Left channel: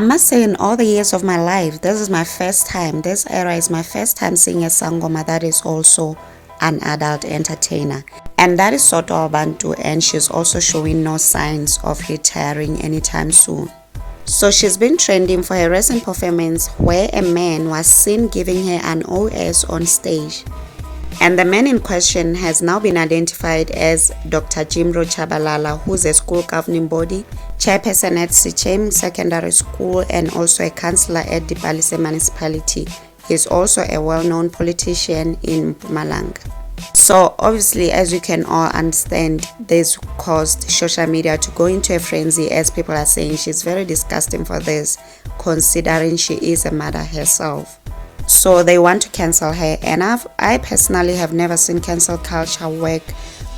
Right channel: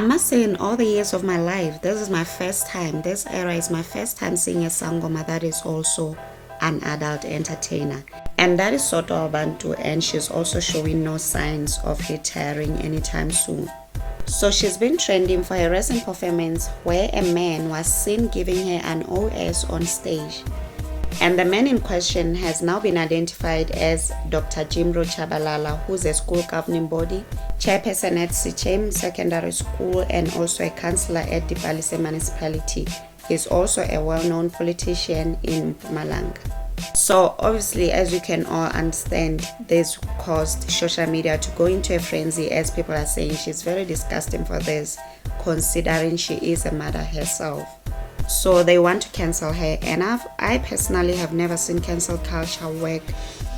I must say, in all the years of my life, this era is my first time seeing a sangoma that is also an adult entertainer. And that is Zodwa Wabantu, and she's also showing no signs of retiring anytime soon. So she's been trending for her recent performance where a man was seen giving her an OS on stage. And the man in question has now been identified as Dr. Jimro Chabalala, who's a school governing body, chairperson at Sichem Secondary School, and also a councillor at the Palise municipality. He's also a well-known politician in Mpumalanga. So obviously, as you can all understand, this caused social media to go into a frenzy, as people are saying she's very disgusting for this, considering she is a mother herself. So they want to cancel her, and I personally have never seen cancel culture work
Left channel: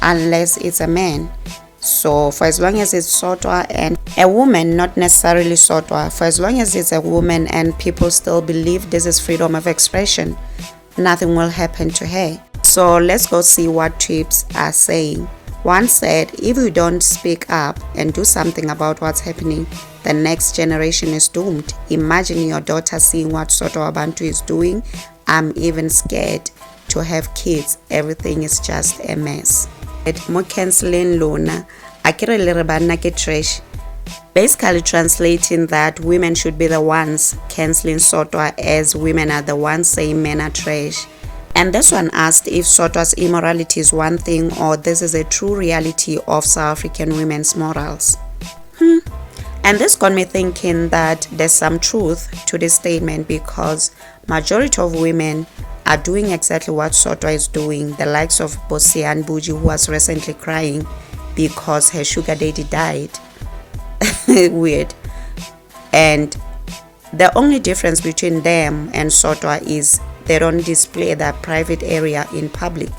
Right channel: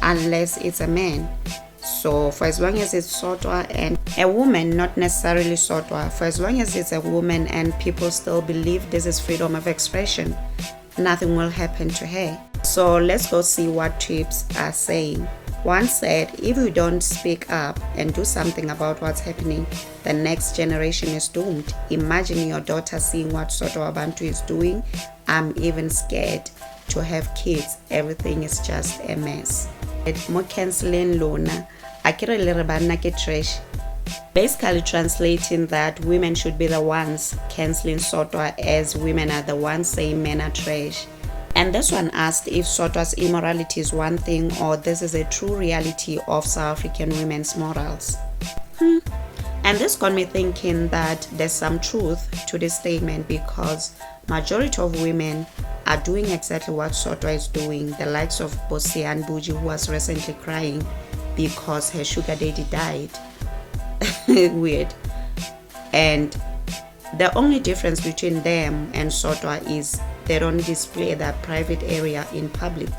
unless it's a man. So for as long as it's Zodwa and a woman, not necessarily Zodwa, for as long as it's a woman and people still believe this is freedom of expression, nothing will happen to her. So let's go see what tips are saying. One said, if you don't speak up and do something about what's happening, the next generation is doomed. Imagine your daughter seeing what Zodwa Wabantu is doing. I'm even scared to have kids. Everything is just a mess. Mo canceling lona, akira lirabana ke trash. Basically translating that women should be the ones canceling Zodwa, as women are the ones saying men are trash. And this one asked if Zodwa's immorality is one thing or this is a true reality of South African women's morals. And this got me thinking that there's some truth to this statement, because majority of women are doing exactly what Zodwa is doing. The likes of Bosian Buji, who was recently crying because her sugar daddy died. Weird. And the only difference between them and Zodwa is they don't display their private area in public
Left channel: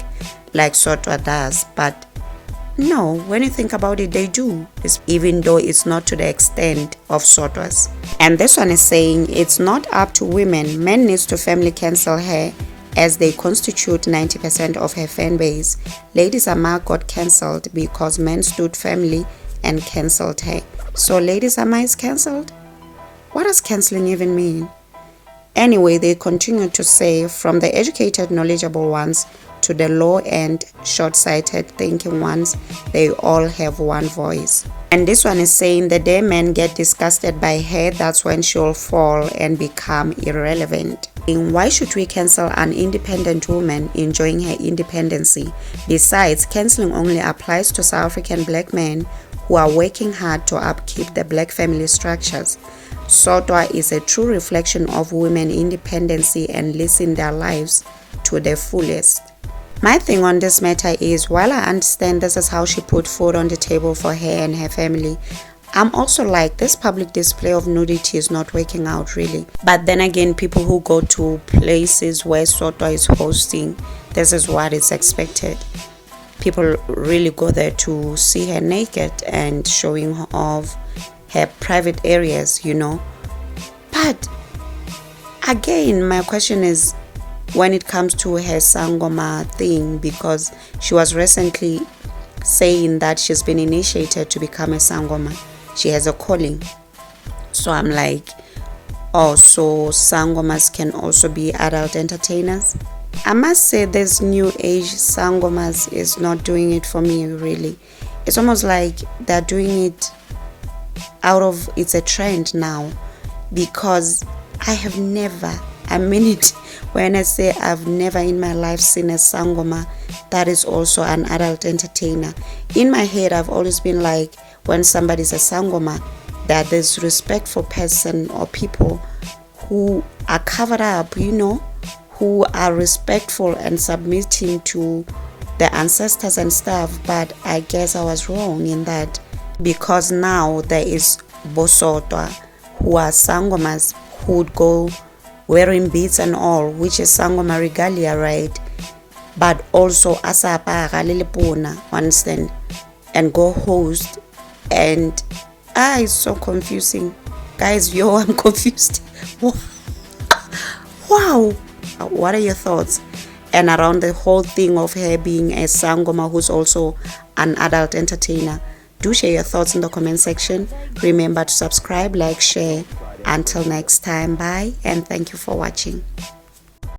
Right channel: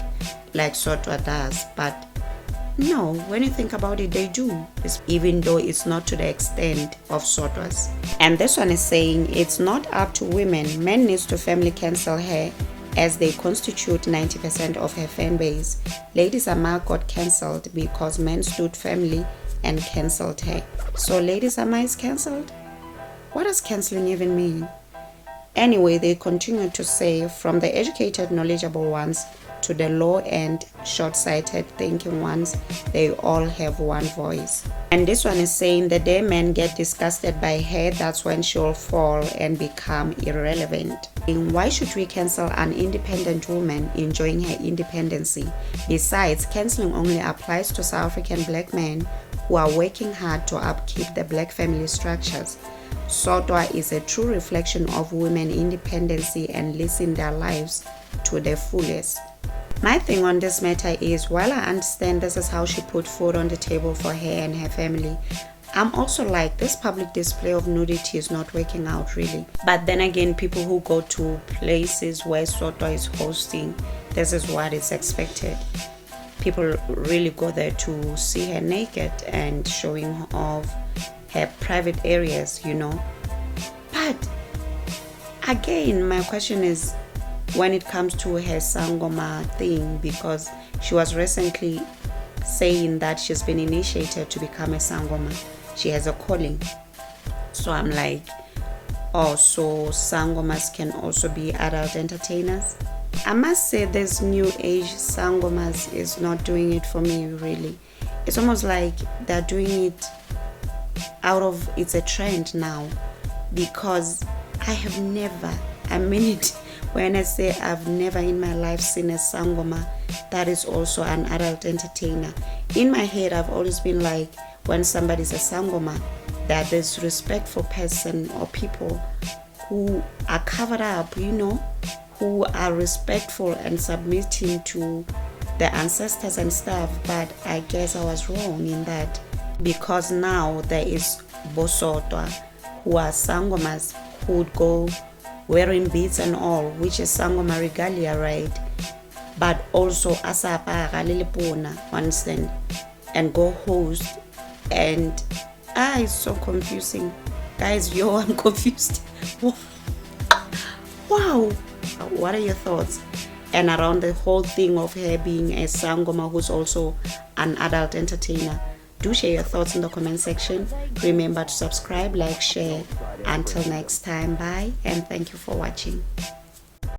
like Zodwa does. But no, when you think about it, they do, even though it's not to the extent of Zodwa's. And this one is saying it's not up to women. Men needs to family cancel her, as they constitute 90% of her fan base. Lady Sama got cancelled because men stood family and cancelled her. So Lady Sama is cancelled? What does cancelling even mean? Anyway, they continue to say, from the educated, knowledgeable ones to the low and short-sighted thinking ones, they all have one voice. And this one is saying the day men get disgusted by her, that's when she'll fall and become irrelevant. Why should we cancel an independent woman enjoying her independency? Besides, cancelling only applies to South African black men who are working hard to upkeep the black family structures. Zodwa is a true reflection of women independency and living their lives to the fullest. My thing on this matter is, while I understand this is how she put food on the table for her and her family, I'm also like, this public display of nudity is not working out really. But then again, people who go to places where Zodwa is hosting, this is what is expected. People really go there to see her naked and showing off her private areas, you know. But again, my question is, when it comes to her sangoma thing, because she was recently saying that she's been initiated to become a sangoma. She has a calling. So I'm like, oh, so sangomas can also be adult entertainers? I must say this new age sangomas is not doing it for me really. It's almost like they're doing it out of, it's a trend now, because I have never, I mean it when I say I've never in my life seen a sangoma that is also an adult entertainer. In my head, I've always been like, when somebody's a sangoma, that this respectful person or people who are covered up, you know, who are respectful and submitting to the ancestors and stuff. But I guess I was wrong in that, because now there is Bosotwa who are sangomas who would go wearing beads and all, which is sangoma regalia, right? But also asapa galilipuna, understand, and go host, and it's so confusing, guys. I'm confused. Wow, what are your thoughts? And around the whole thing of her being a sangoma who's also an adult entertainer, do share your thoughts in the comment section. Remember to subscribe, like, share, Until next time, bye, and thank you for watching.